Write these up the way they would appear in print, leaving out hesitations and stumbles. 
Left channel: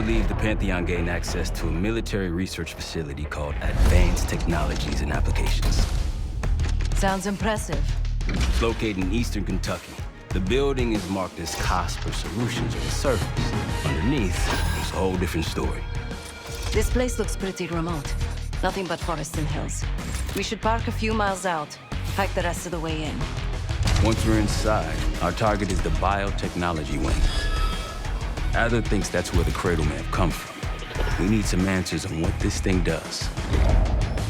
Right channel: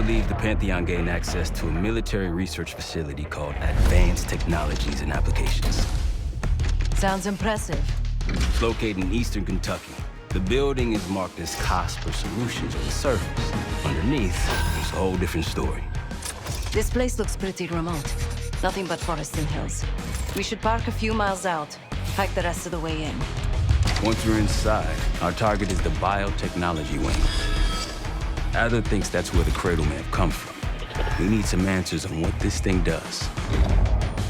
believe the Pantheon gained access to a military research facility called Advanced Technologies and Applications. Sounds impressive. It's located in eastern Kentucky. The building is marked as COSPER Solutions on the surface. Underneath, it's a whole different story. This place looks pretty remote. Nothing but forests and hills. We should park a few miles out, hike the rest of the way in. Once we're inside, our target is the biotechnology wing. Adler thinks that's where the cradle may have come from. We need some answers on what this thing does.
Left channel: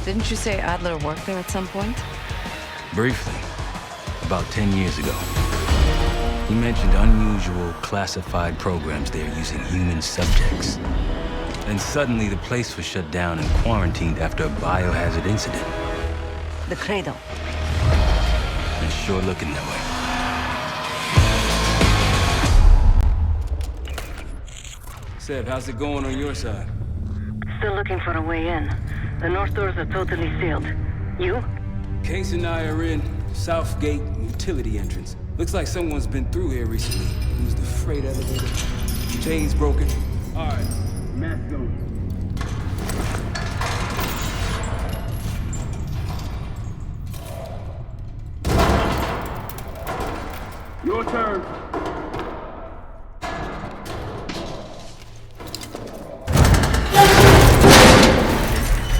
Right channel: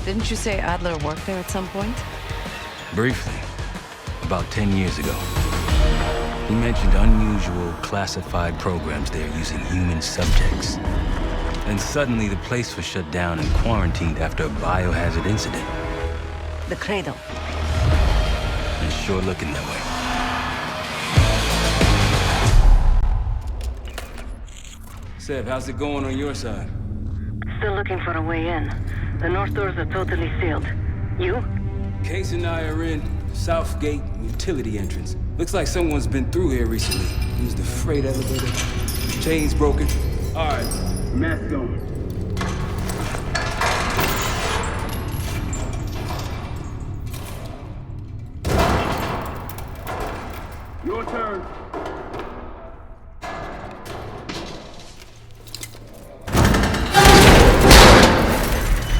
Didn't you say Adler worked there at some point? Briefly, about 10 years ago. He mentioned unusual, classified programs there using human subjects. Then suddenly the place was shut down and quarantined after a biohazard incident. The cradle. It's sure looking that way. Seb, how's it going on your side? Still looking for a way in. The north doors are totally sealed. You? Case and I are in Southgate utility entrance. Looks like someone's been through here recently. Used the freight elevator. Chain's broken. All right, mask on. Your turn.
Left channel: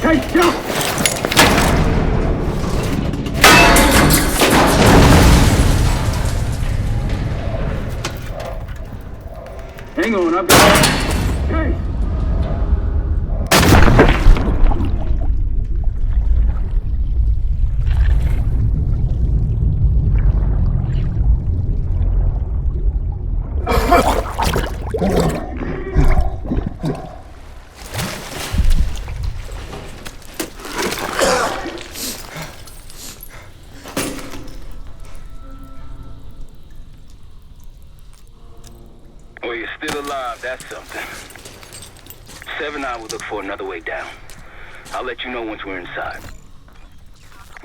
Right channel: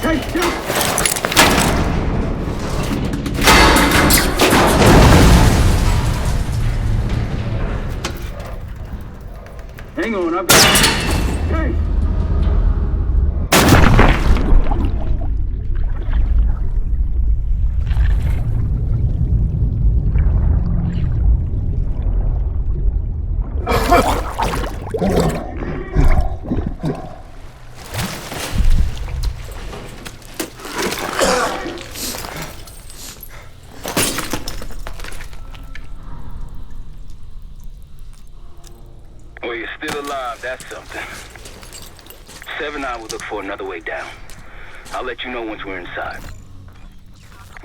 Hey, jump! Hang on, I've got... Hey! Well, you're still alive, that's something. Sev and I will look for another way down. I'll let you know once we're inside.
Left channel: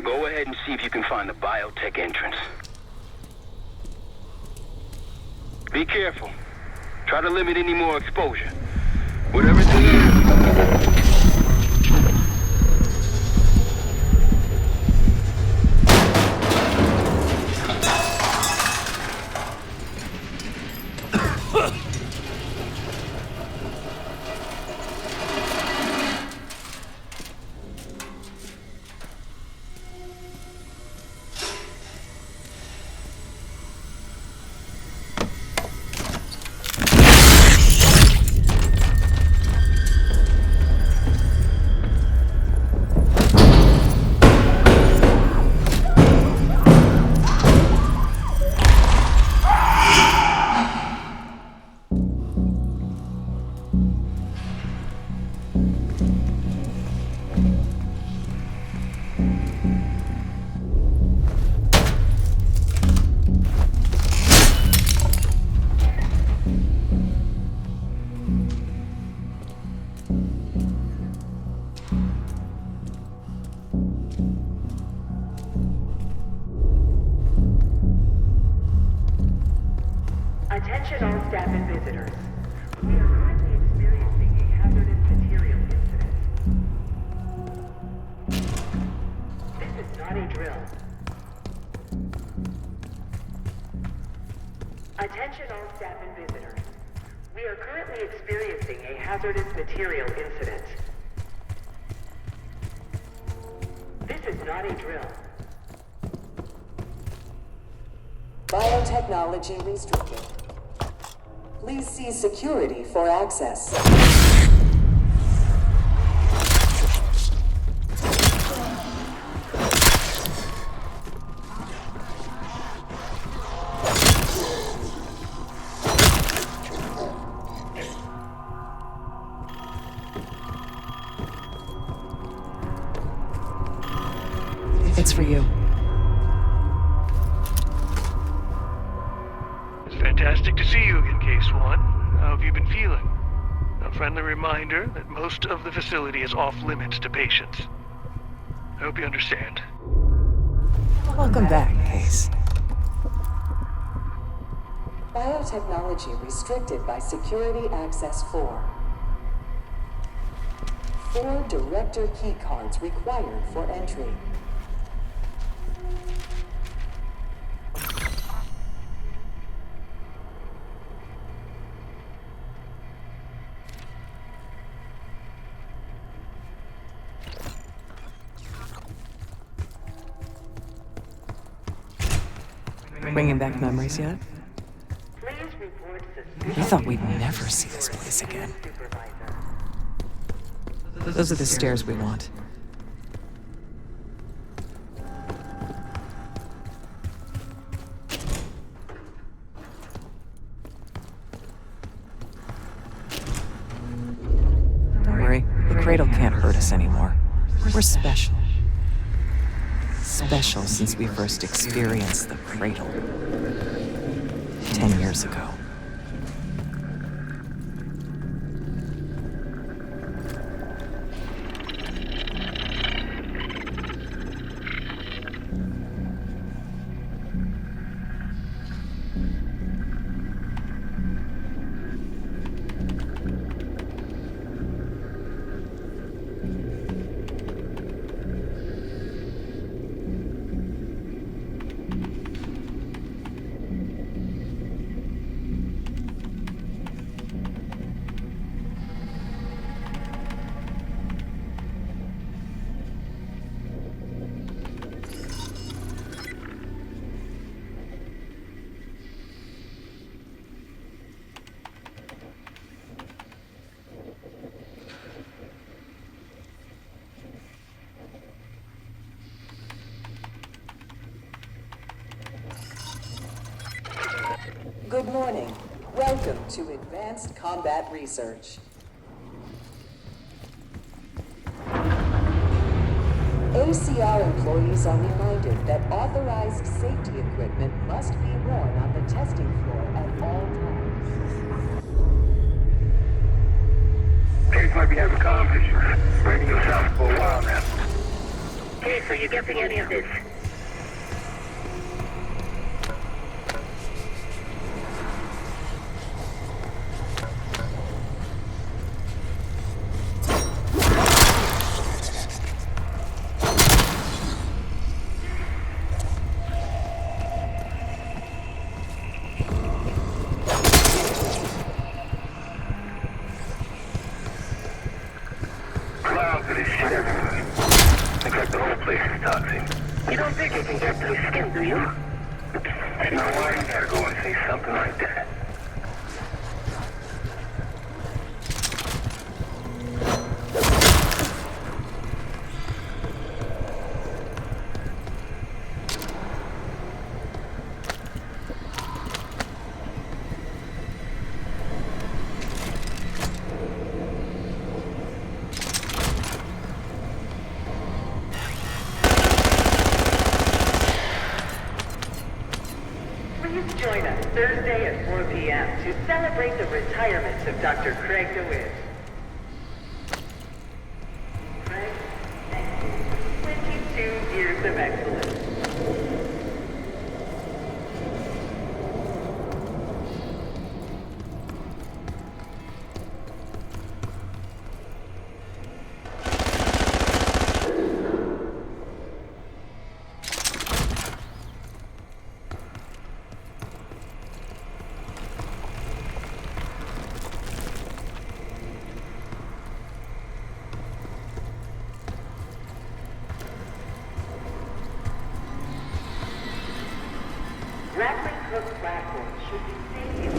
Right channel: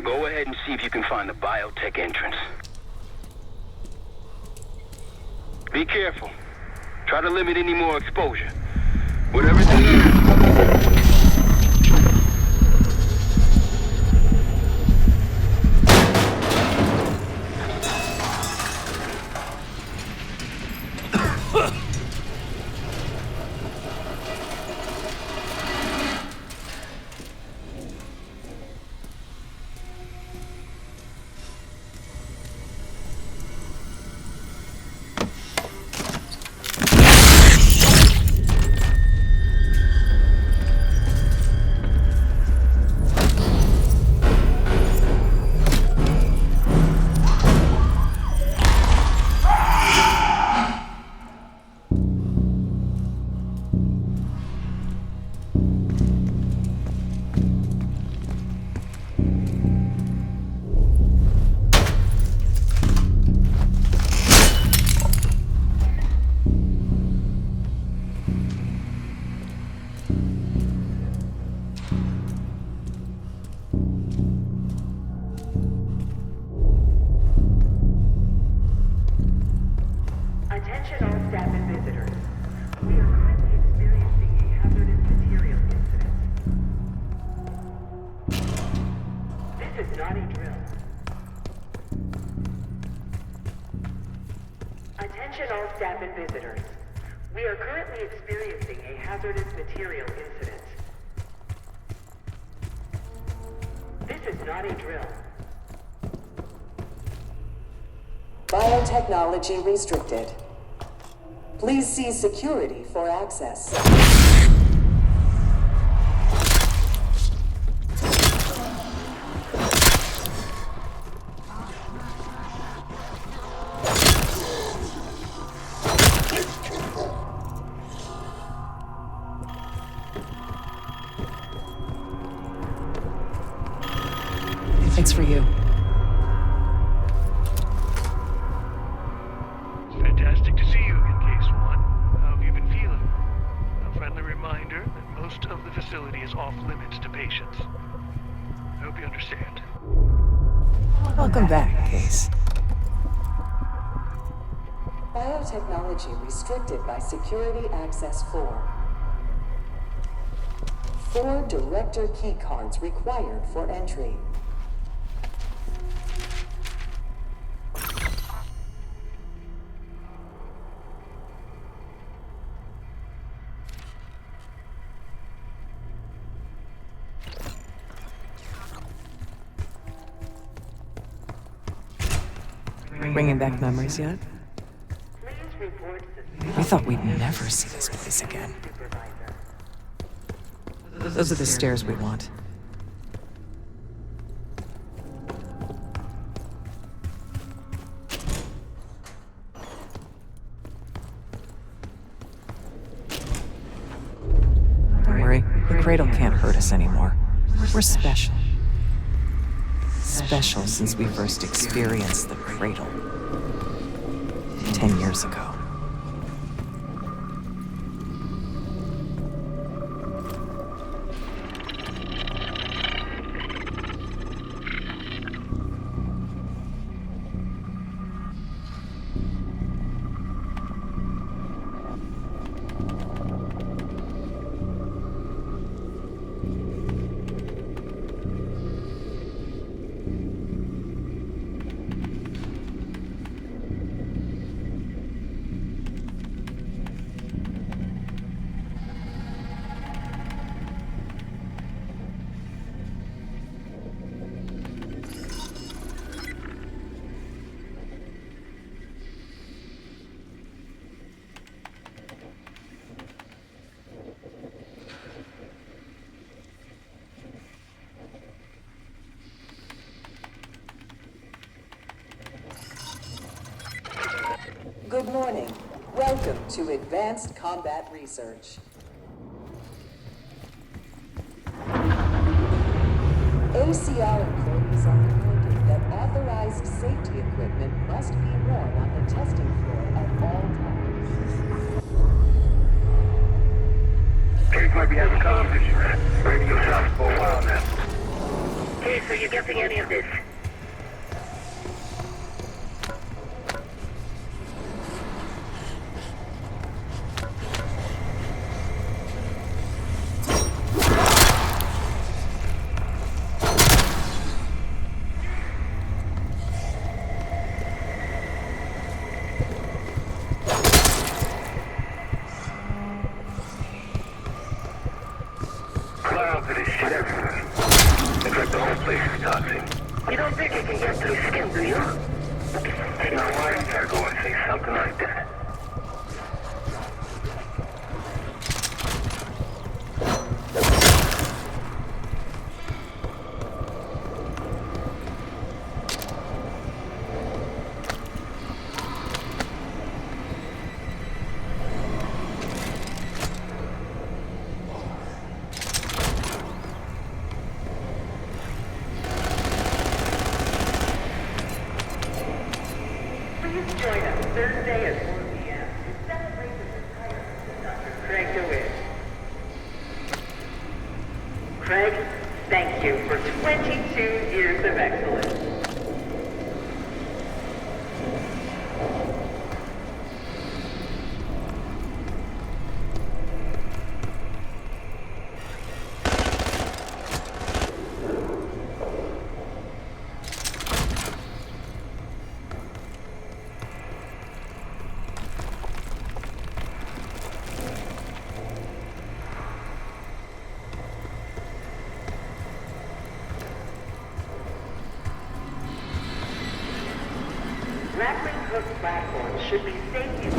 Go ahead and see if you can find the biotech entrance. Be careful. Try to limit any more exposure. Whatever's in there... Attention all staff and visitors. We are currently experiencing a hazardous material incident. This is not a drill. Attention all staff and visitors. We are currently experiencing a hazardous material incident. This is not a drill. Biotechnology restricted. Please see security for access. It's for you. It's fantastic to see you again, Case 1. How have you been feeling? A friendly reminder that most of the facility is off limits to patients. I hope you understand. Welcome back, Case. Biotechnology restricted by Security Access 4. 4 director key cards required for entry. Bringing back memories yet? Please report suspicious We thought we'd never see this place again. supervisor. Those are the stairs we want. Don't worry, the cradle can't hurt us anymore. We're special. Special since we first experienced the cradle 10 years ago. Good morning. Welcome to Advanced Combat Research. ACR employees are reminded that authorized safety equipment must be worn on the testing floor at all times. Case might be having comm issues. Radio south for a while now. Case, are you getting any of this? Clouds of this shit everywhere. Looks like the whole place is toxic. You don't think it can get through skin, do you? Now why you gotta go and say something like that? Please join us Thursday at 4 p.m. to celebrate the retirement of Dr. Craig DeWitt. Craig, thank you for 22 years of excellence. Grappling hook platforms should be safety.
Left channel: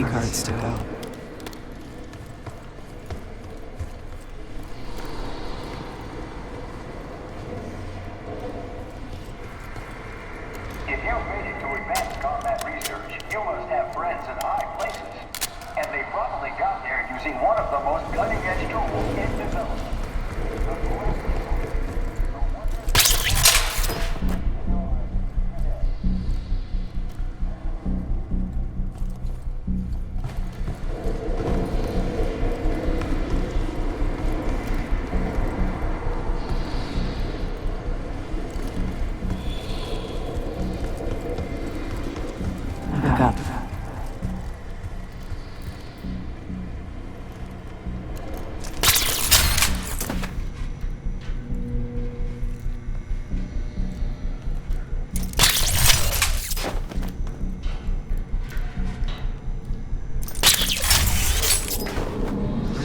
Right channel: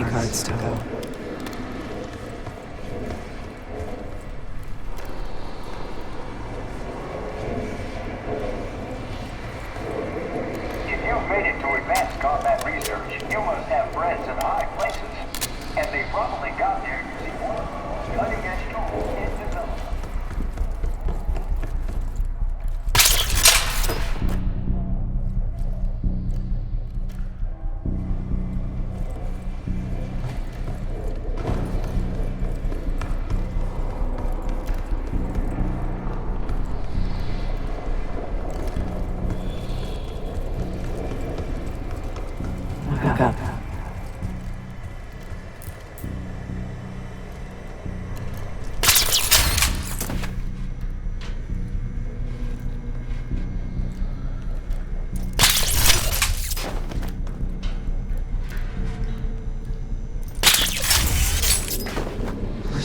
keycards to go. If you've made it to advanced combat research, you must have friends in high places. And they probably got there using one of the most cutting-edge tools in development. Look up.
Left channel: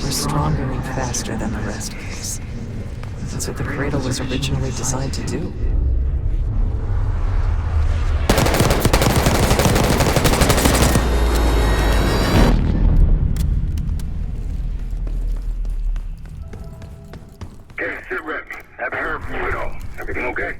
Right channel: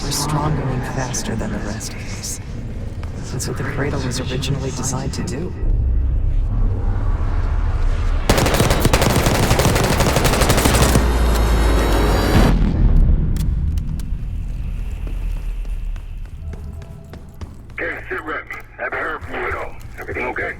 We're stronger and faster than the rest of us. That's what the cradle was originally designed to do. Okay, sit rep. Haven't heard from you at all. Everything okay?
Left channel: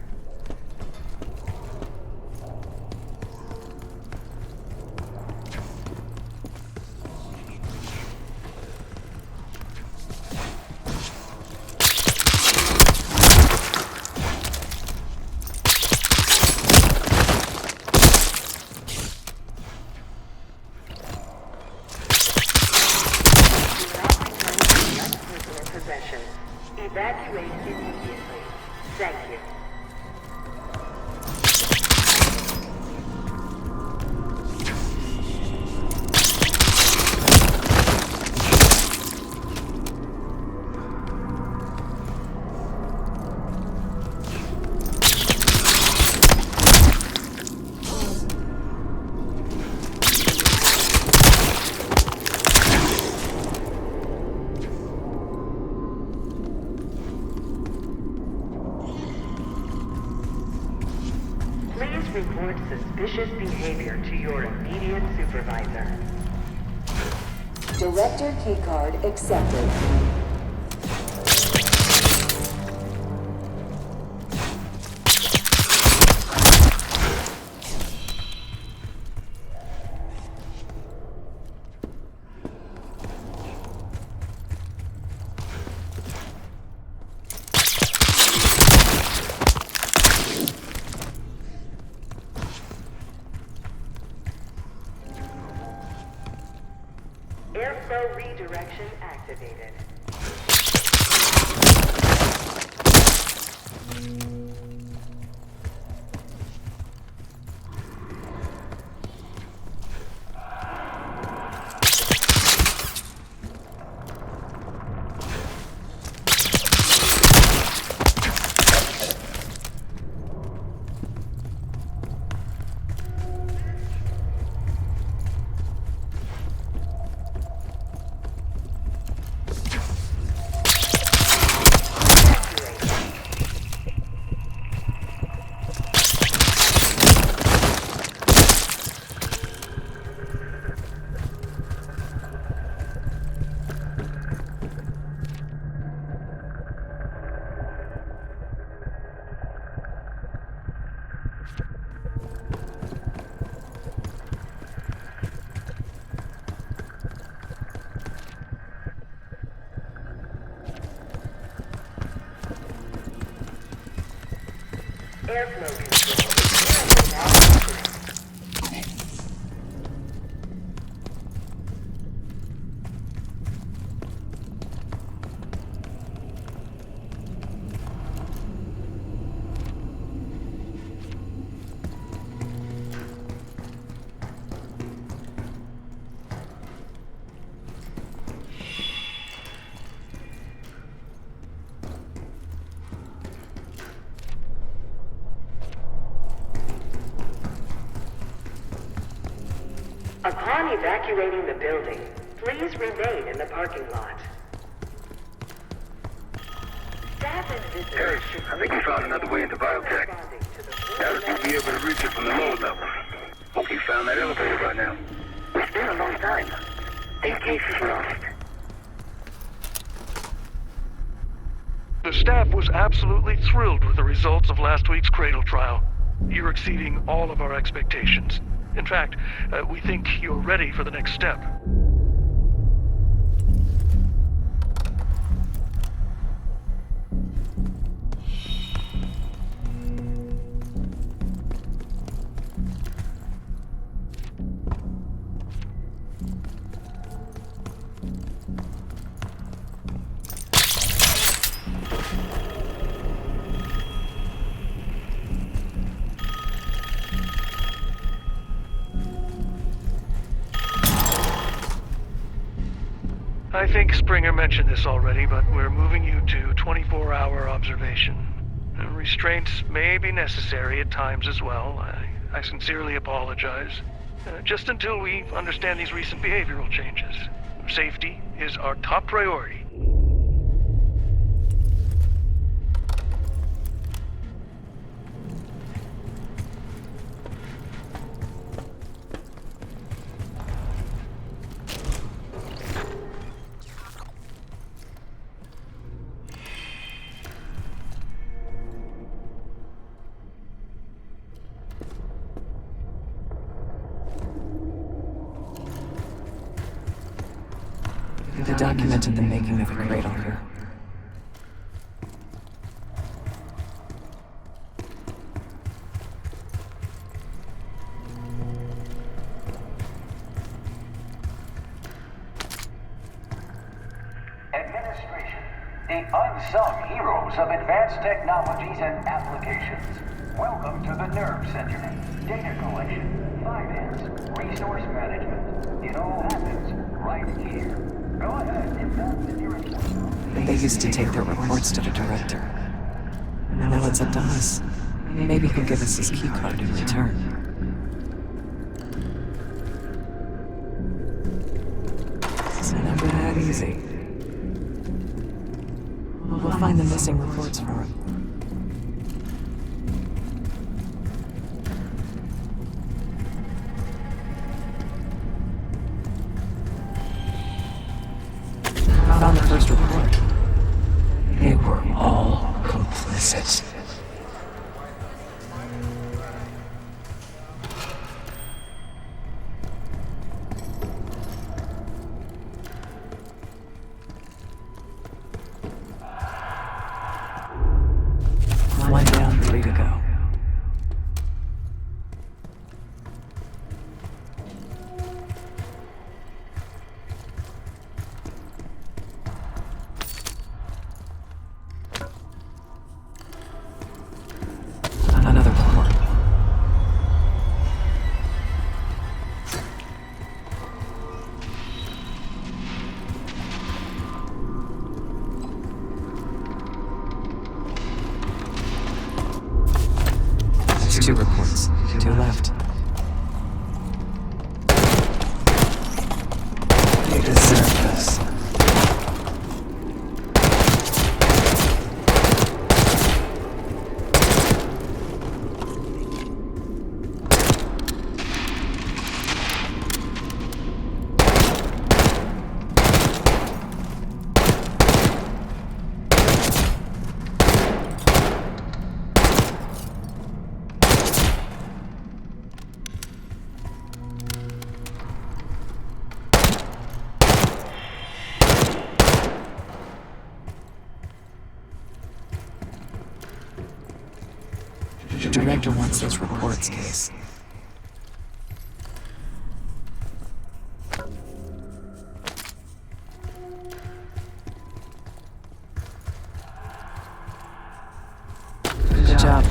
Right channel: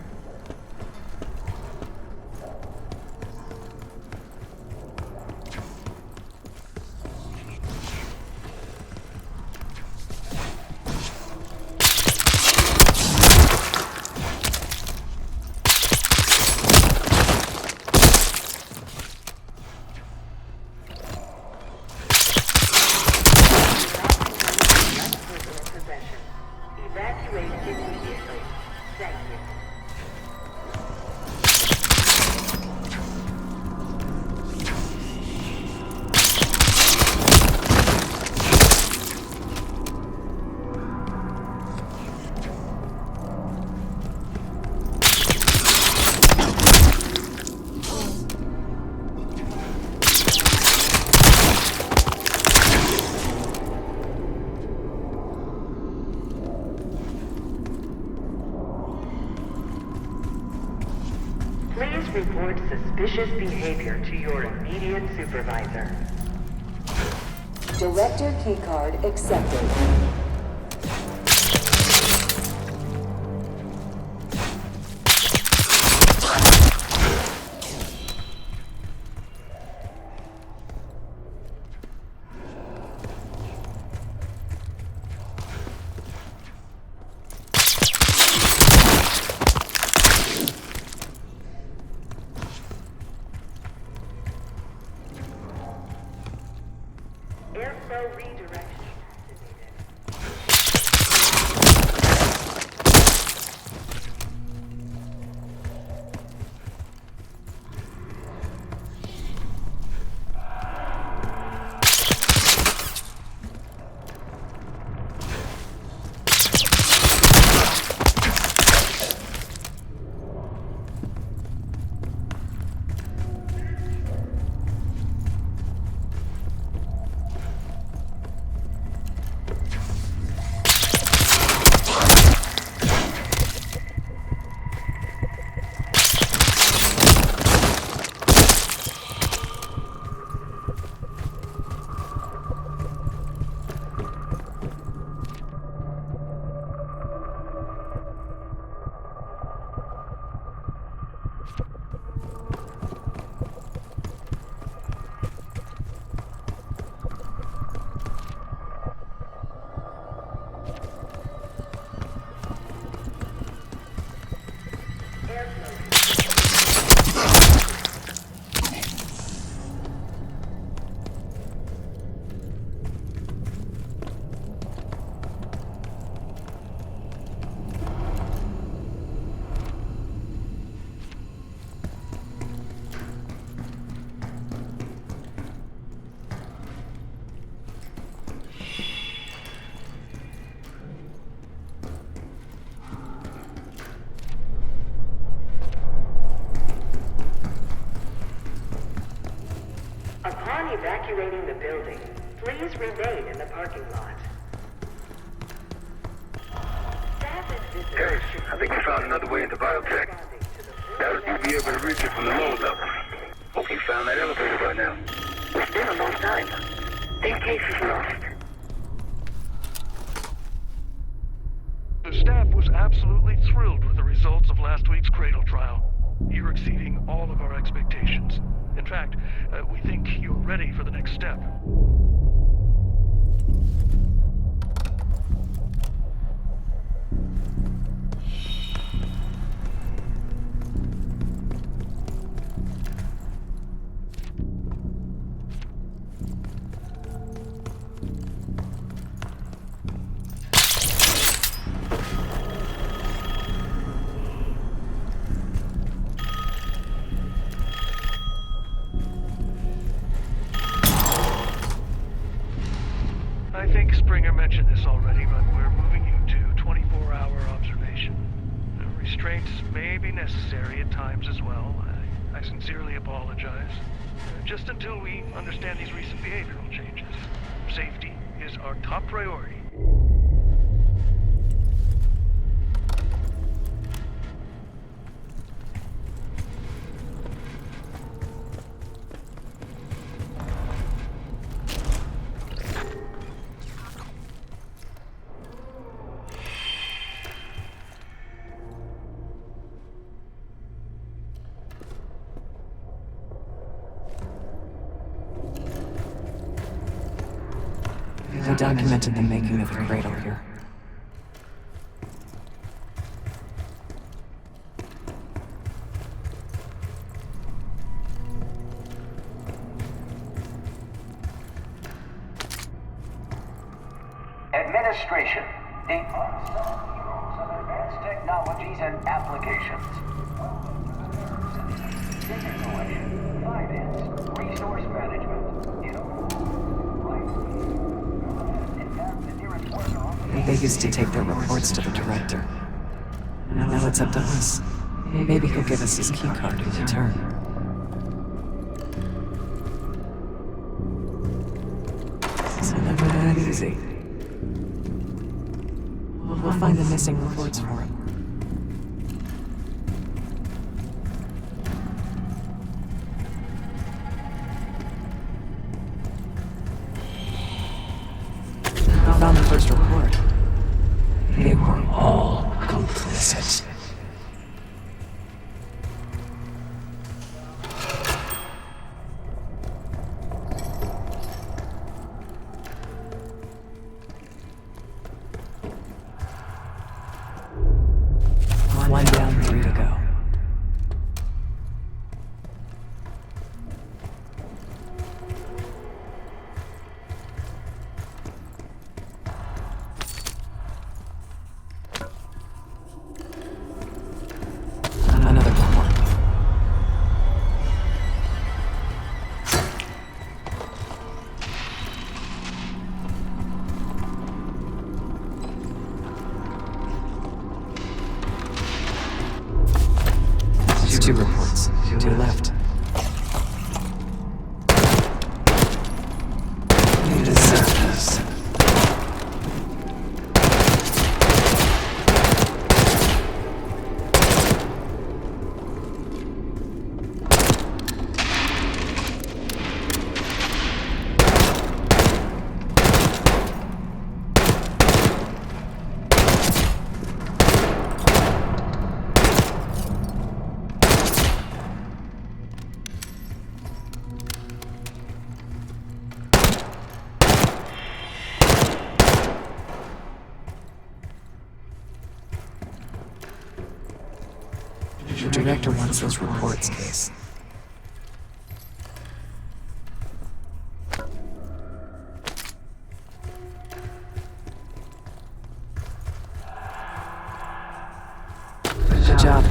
Personal possessions. Evacuate immediately. Thank you. Please report suspicious behavior to your immediate supervisor. Director keycard accepted. Airflow redirection activated. Airflow control. Upon evacuating the building, please remain in the parking lot. Staff and visitors should I think we found another way into biotech. Doubt if we'll be able to reach it from the lower level. Hope you found that elevator by now. been a long time. Think case is lost. The staff was absolutely thrilled with the results of last week's Cradle trial. You're exceeding all of our expectations. In fact, we think you're ready for the next step. I think Springer mentioned this already, but we're moving you to 24-hour observation. Restraints may be necessary at times as well. I sincerely apologize. Just until we understand these recent behavioral changes. Safety is our top priority. They documented the making of a cradle here. Administration, the unsung heroes of advanced technologies and applications. Welcome to the Nerve Center. Data collection, finance, resource management. It all happens right here. Go ahead and map the nearest worker on the... They used to take their reports to the director. Now it's up to us. Maybe he'll give us his key card in return. It's never that easy. We'll find the missing reports for him. We found the first report. They were all complicit. One down, 3 to go. Another report. That's 2 reports. 2 left. You deserve this. The director wants those reports, Case. Good job.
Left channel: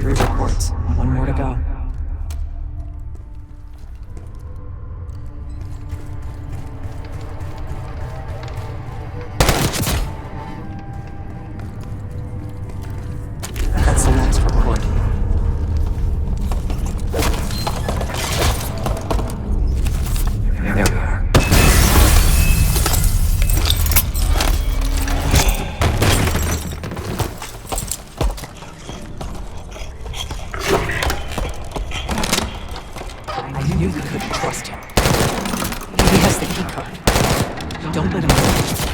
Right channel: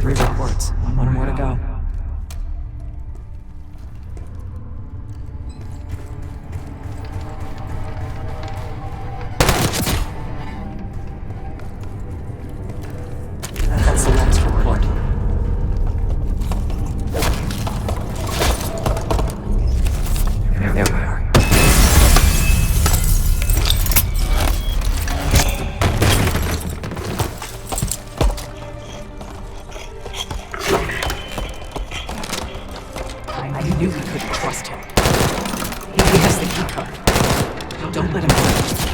Three reports. 1 more to go. That's the last report. There we are. knew we couldn't trust him. He has the keycard. Don't let him go.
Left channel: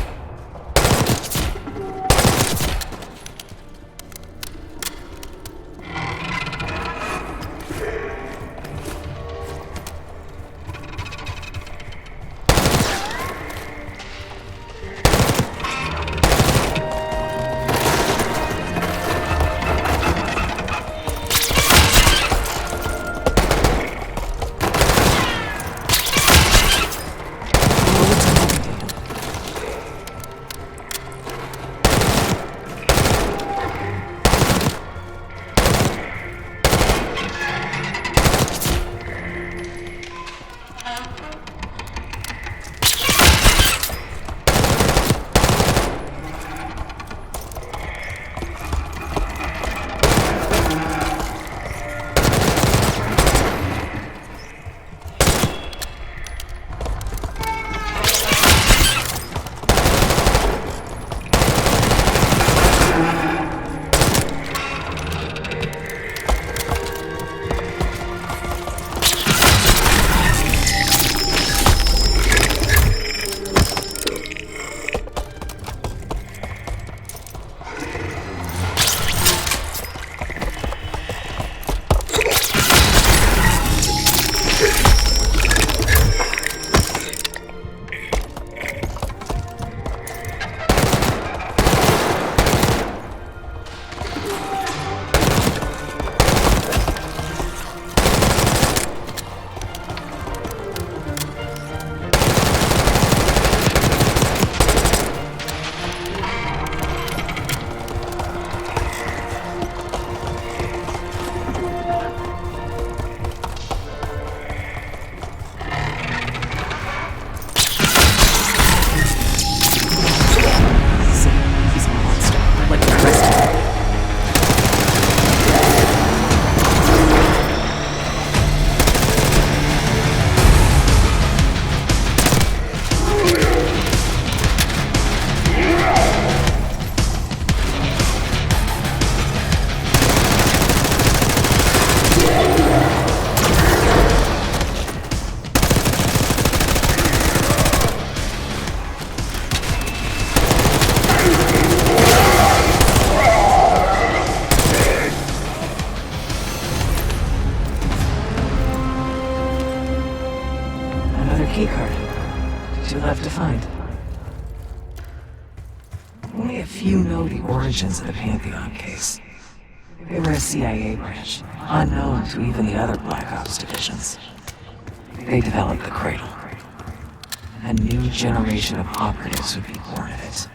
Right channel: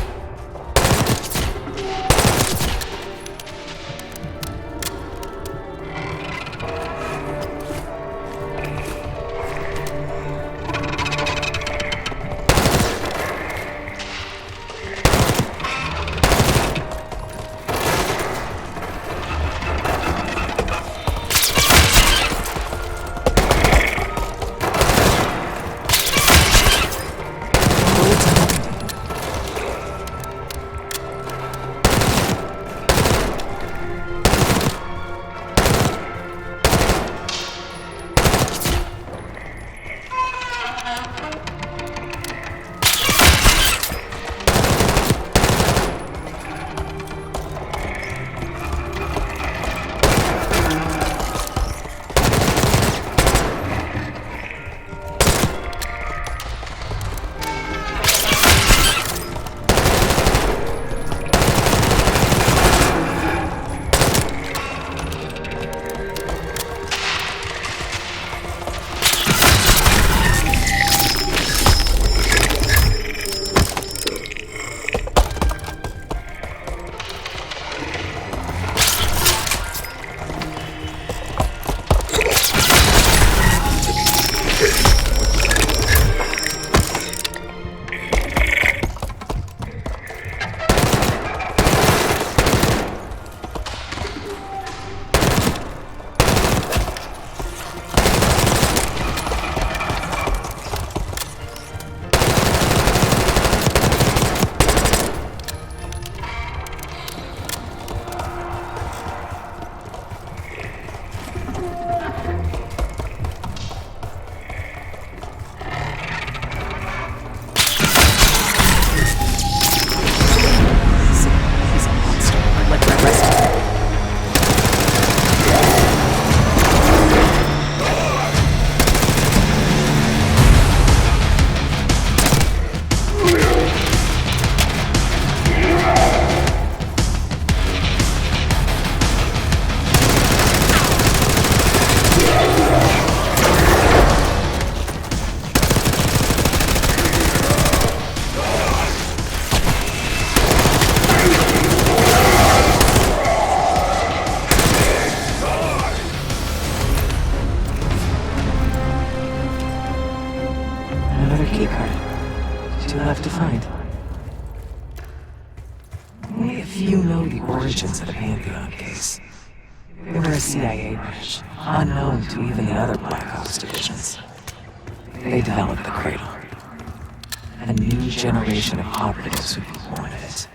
Origins of the Pantheon case. They were a CIA branch, unknown to even the other Black Ops divisions. They developed the Cradle. A new generation of operatives would be born of it.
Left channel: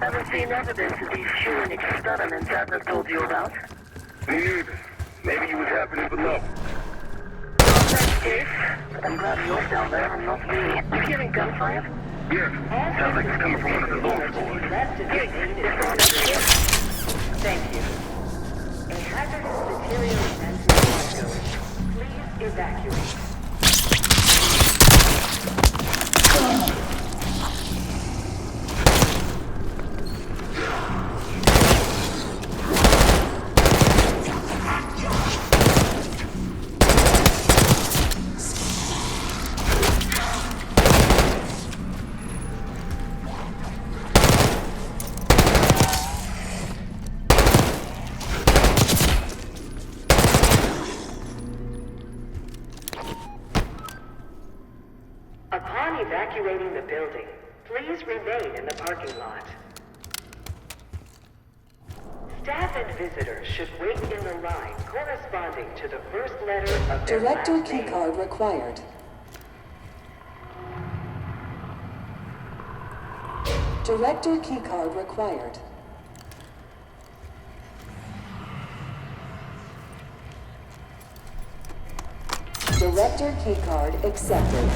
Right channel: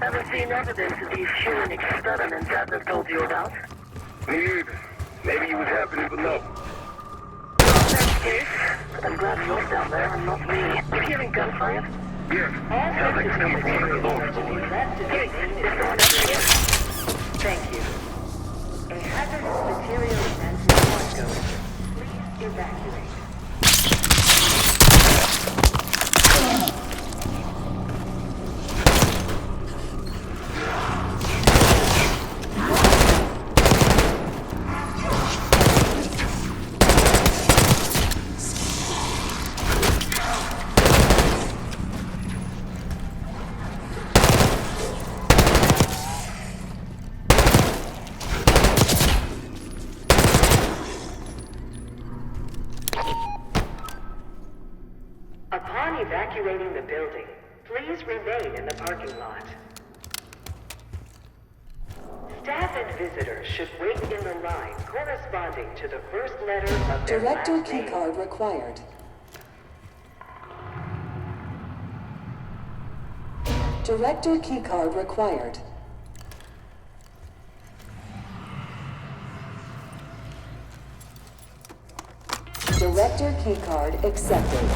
Ever seen evidence of these human experiments Adler told you about? Me neither. Maybe he was happening below. Well, in that case, I'm glad you're down there and not me. You hearing gunfire? Yes. Sounds like it's coming from one of the lower floors. Hey, is someone else here? Thank you. A hazardous material event is ongoing. Please evacuate. Upon evacuating the building, please remain in the parking lot. Staff and visitors should wait in the line corresponding to the first letter of their Director last name. keycard required. Director keycard required. Director keycard accepted.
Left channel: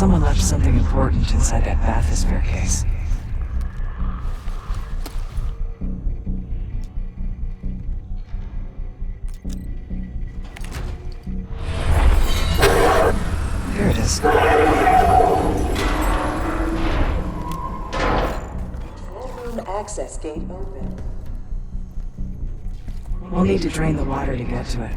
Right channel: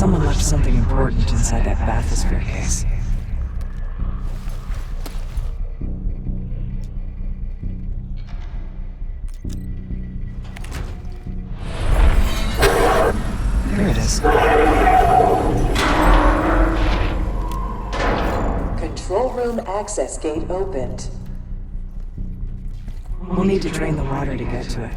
Someone left something important inside that bathysphere case. Here it is. Control room access gate opened. We'll need to drain the water to get to it.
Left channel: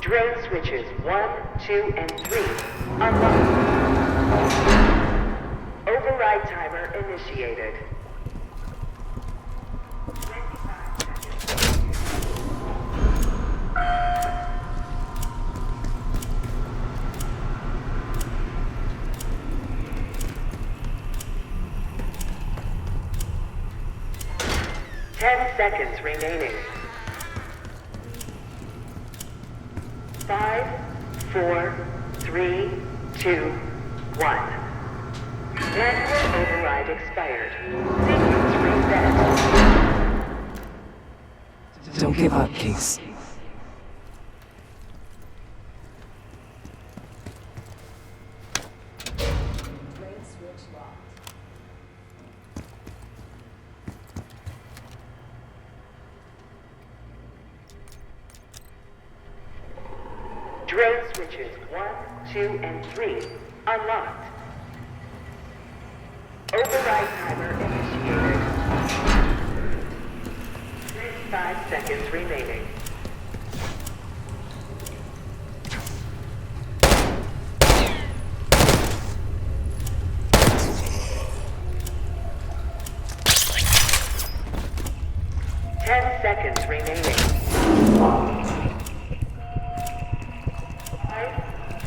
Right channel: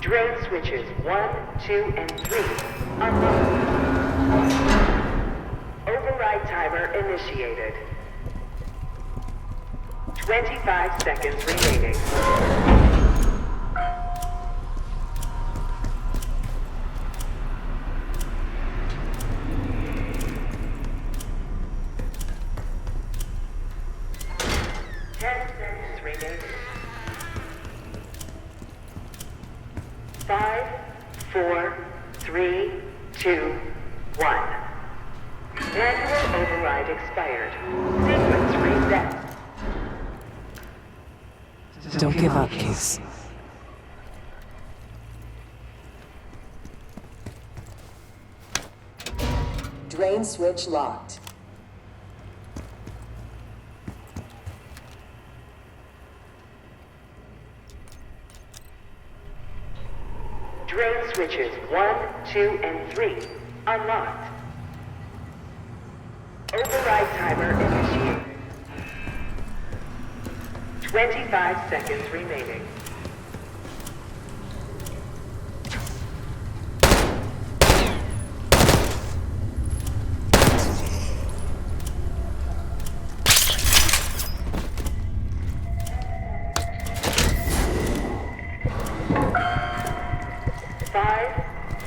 Drone switches 1, 2, and 3 unlocked. Override timer initiated. 25 seconds remaining. Seconds remaining. 5, 4, 3, 2, 1. Manual override expired. Sequence reset. Don't give up, Case. Drain switch locked. Drone switches 1, 2, and 3 unlocked. Override timer initiated. 25 seconds remaining. Seconds remaining. 5,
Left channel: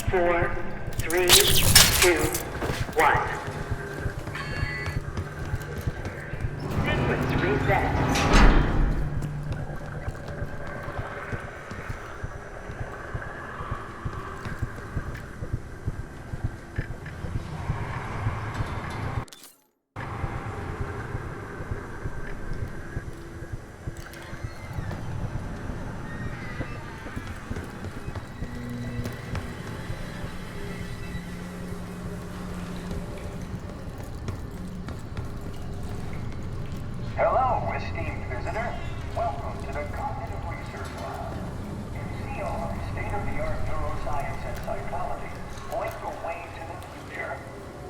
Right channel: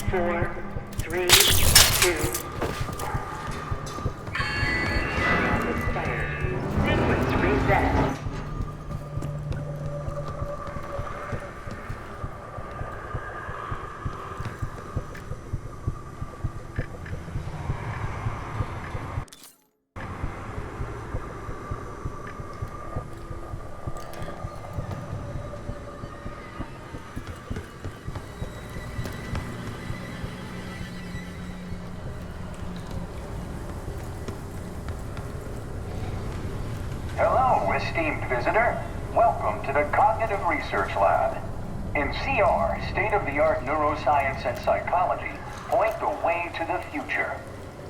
4, 3, 2, 1. Expired. Sequence esteemed visitor. Welcome to the Cognitive Research Lab. In CR, state-of-the-art neuroscience and psychology point the way to the future.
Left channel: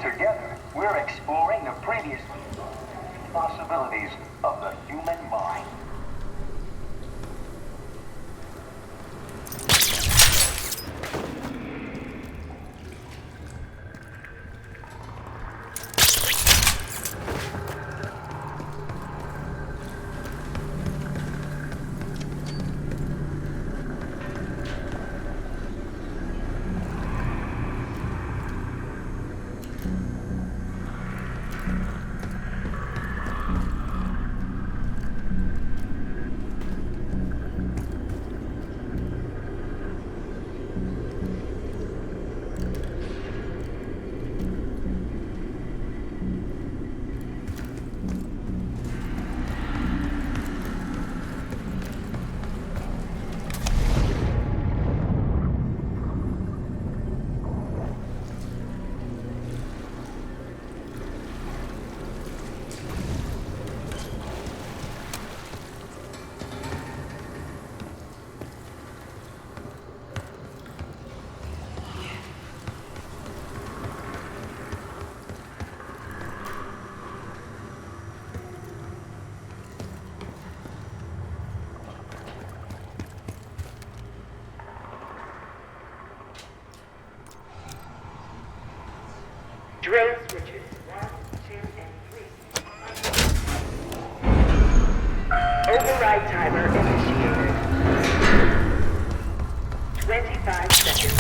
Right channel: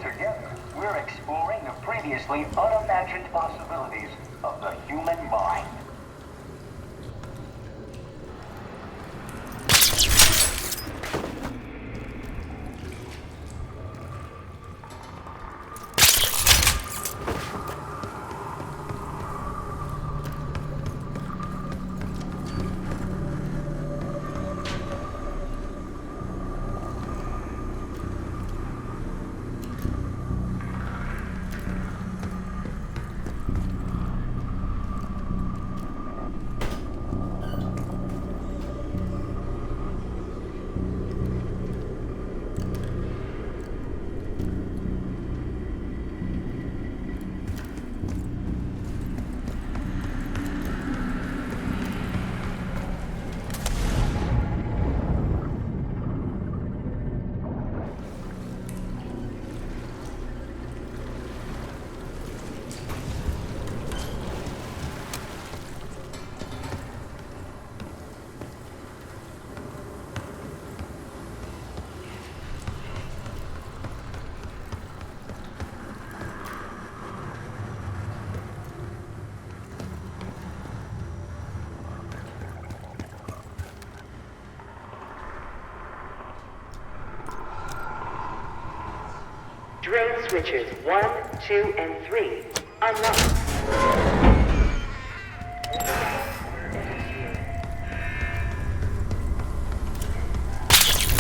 Together, we're exploring the previously unimagined possibilities of the human mind. Drone switches 1, 2, and 3 unlocked. Override timer initiated. 25 seconds.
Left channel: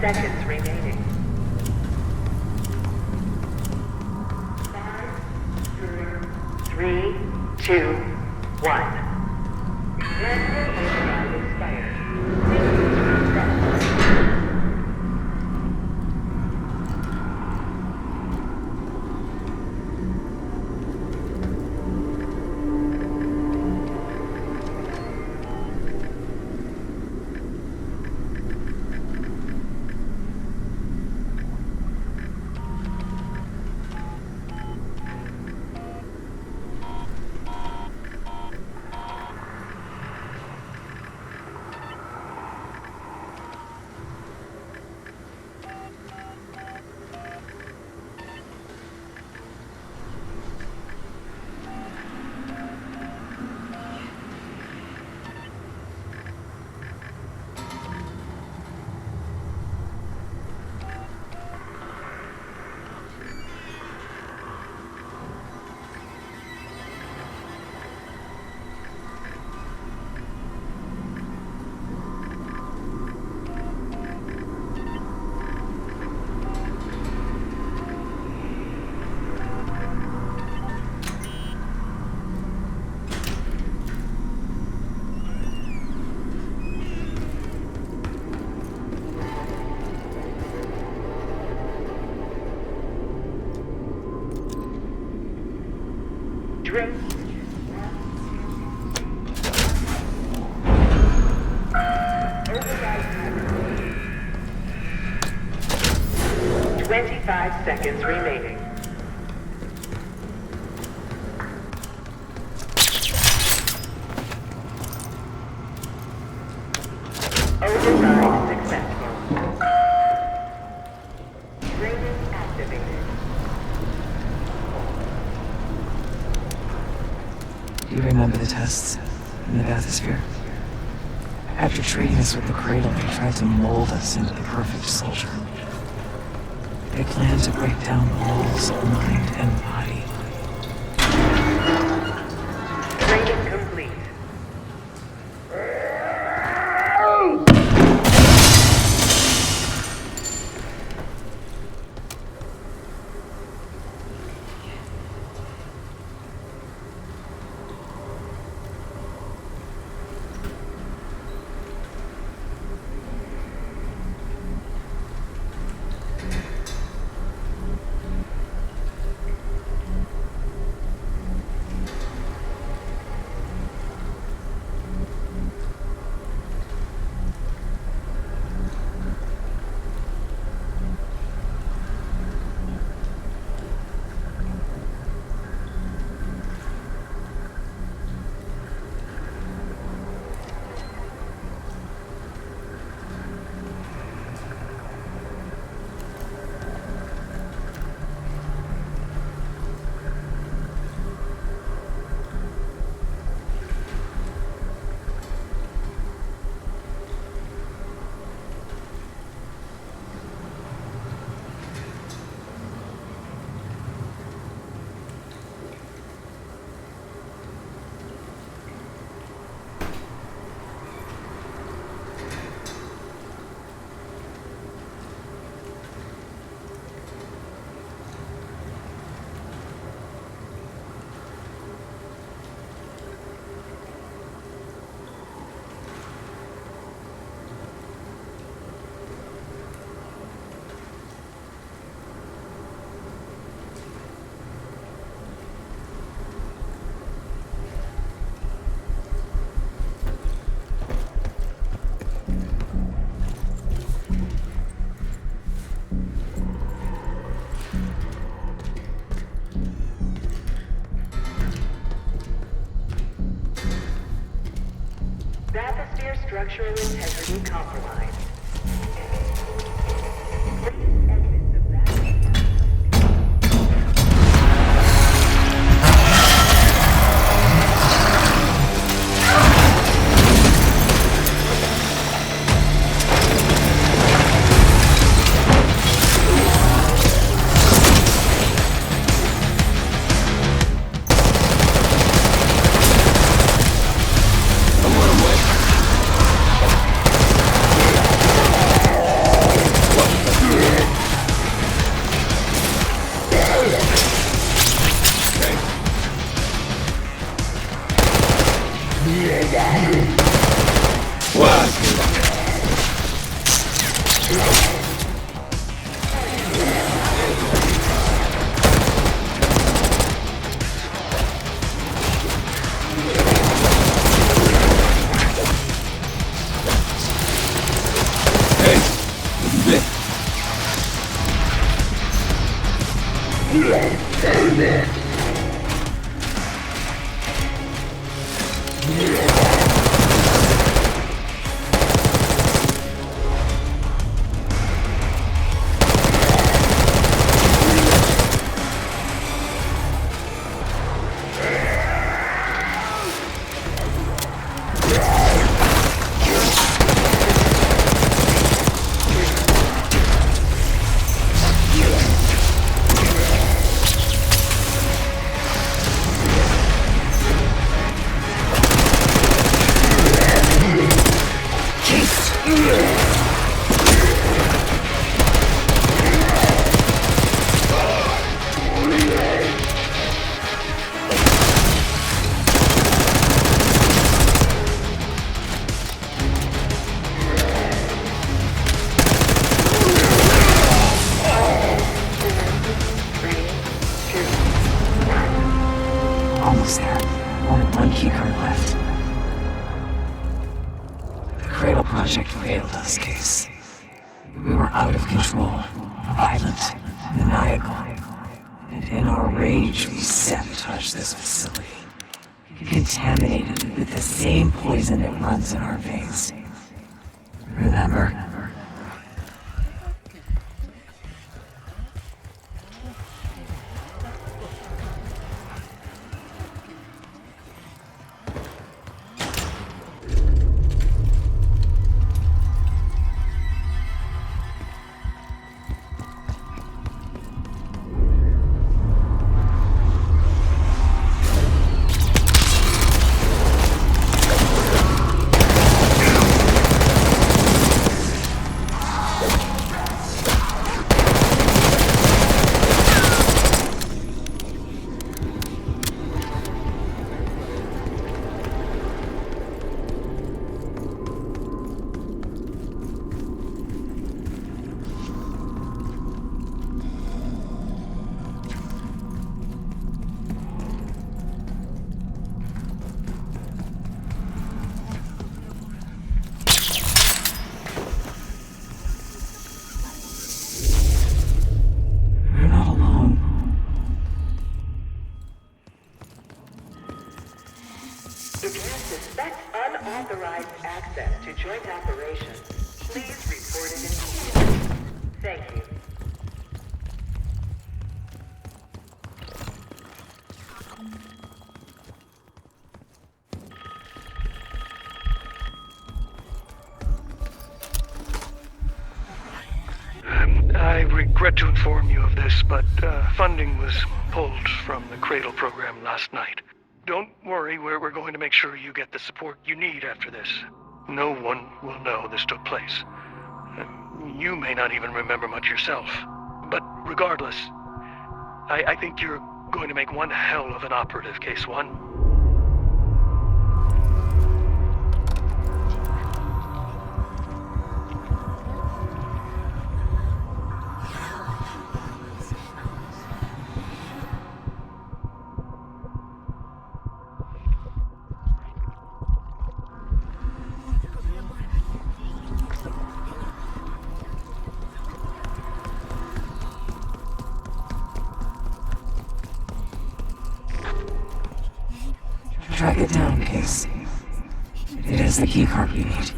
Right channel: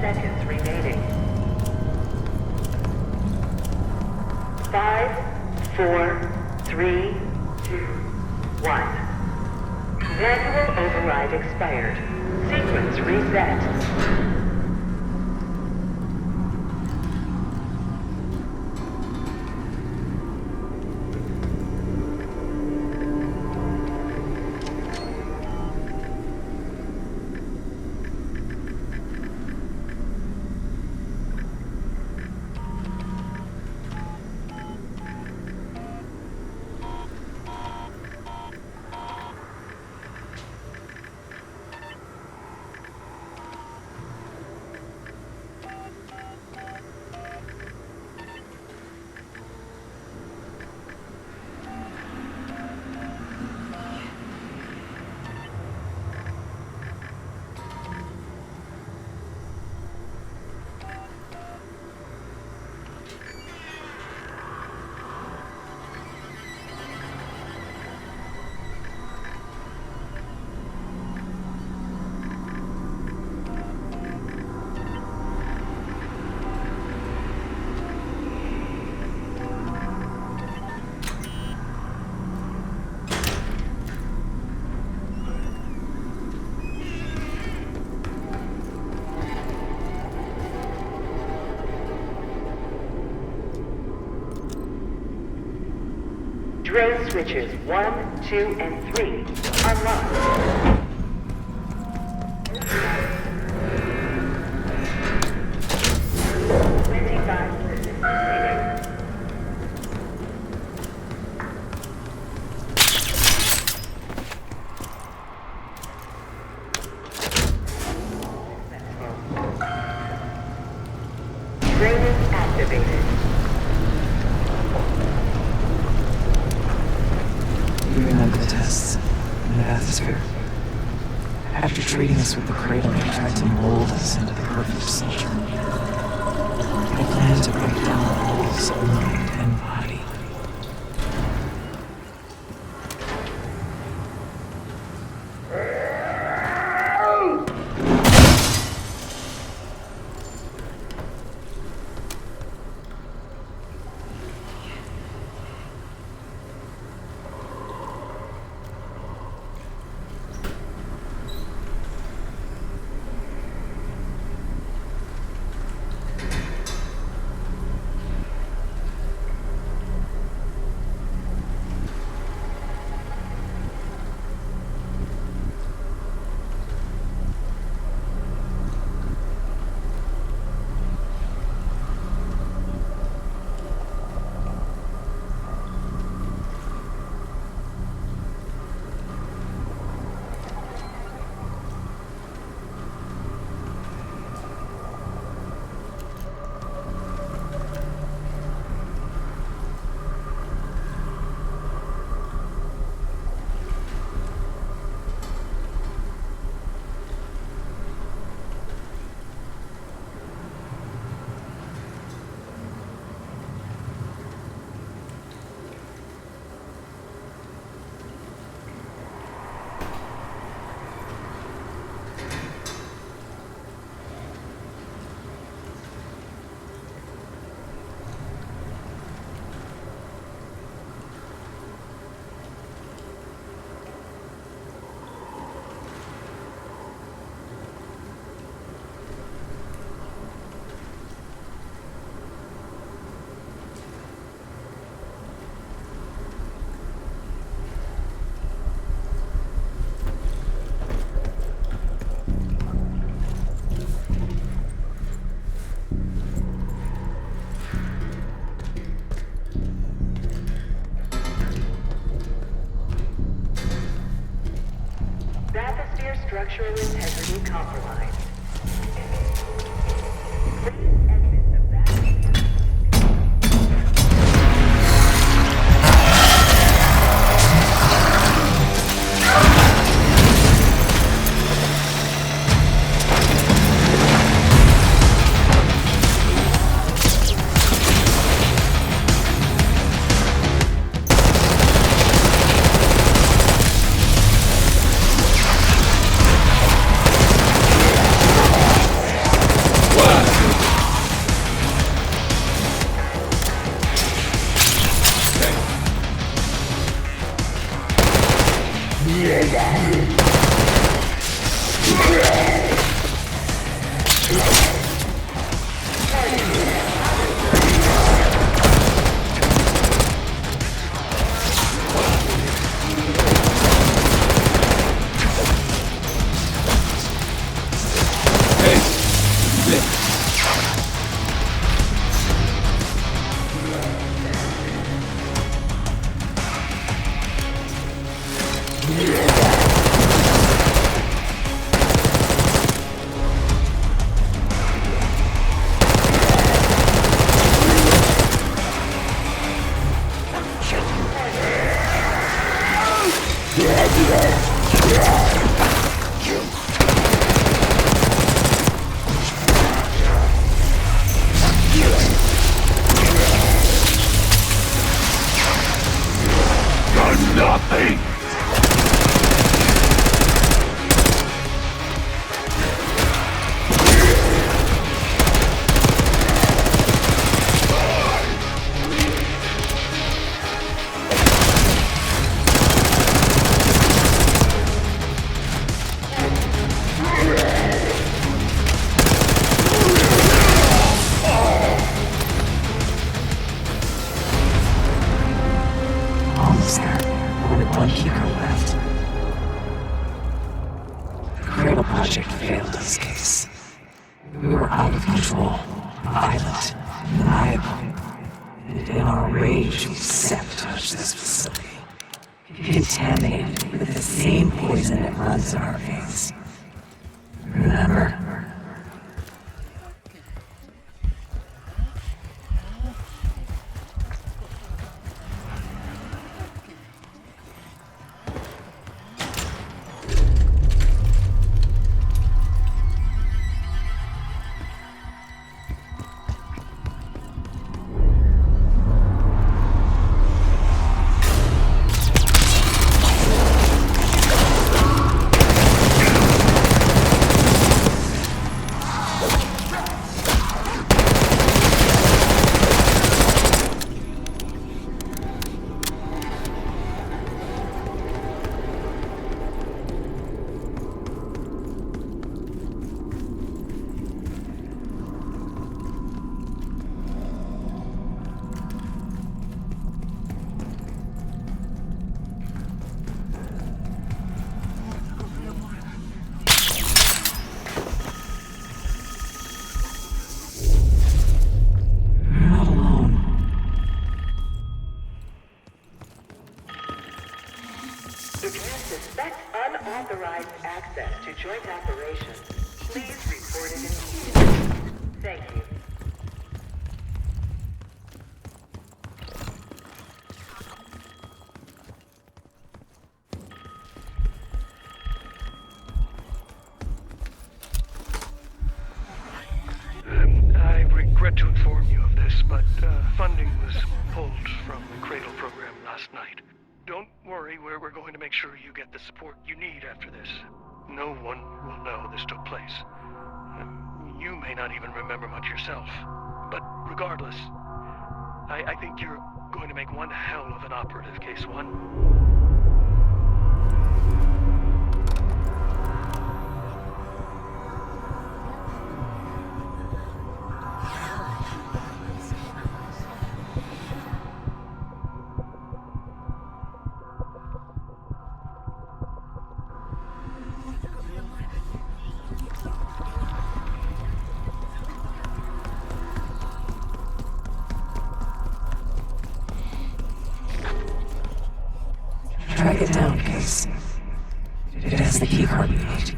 Seconds remaining. 5, 4, 3, 2, 1. Manual override expired. Sequence reset. Drone switches 1, 2, and 3 unlocked. Override timer. 25 seconds remaining. Override successful. Training activated. You remember the tests in the bathysphere? After treating us with the cradle, they tried to mold us into the perfect soldier. They planned to break down the walls of mind and body. Training complete. Atmosphere structural integrity compromised. Please exit the back. Almost there. Only one keycard left. The Cradle Project failed this case. We were out of control, violent, maniacal. And in our rage, we sabotaged this facility. Contaminated with the same poison that runs in our veins. Remember? If you suspect unauthorized access to joint operations, please report it immediately. Thank you. I regret to inform you of this, but funding was pulled from the Cradle program last night. Don't worry, we're going to make sure you get the support you need after this. No one will know this took place. You may not even remember much yourself. But regardless, I think you're going to make one hell of an operative, Case 1. Track it down, Case. It has the keycard we need.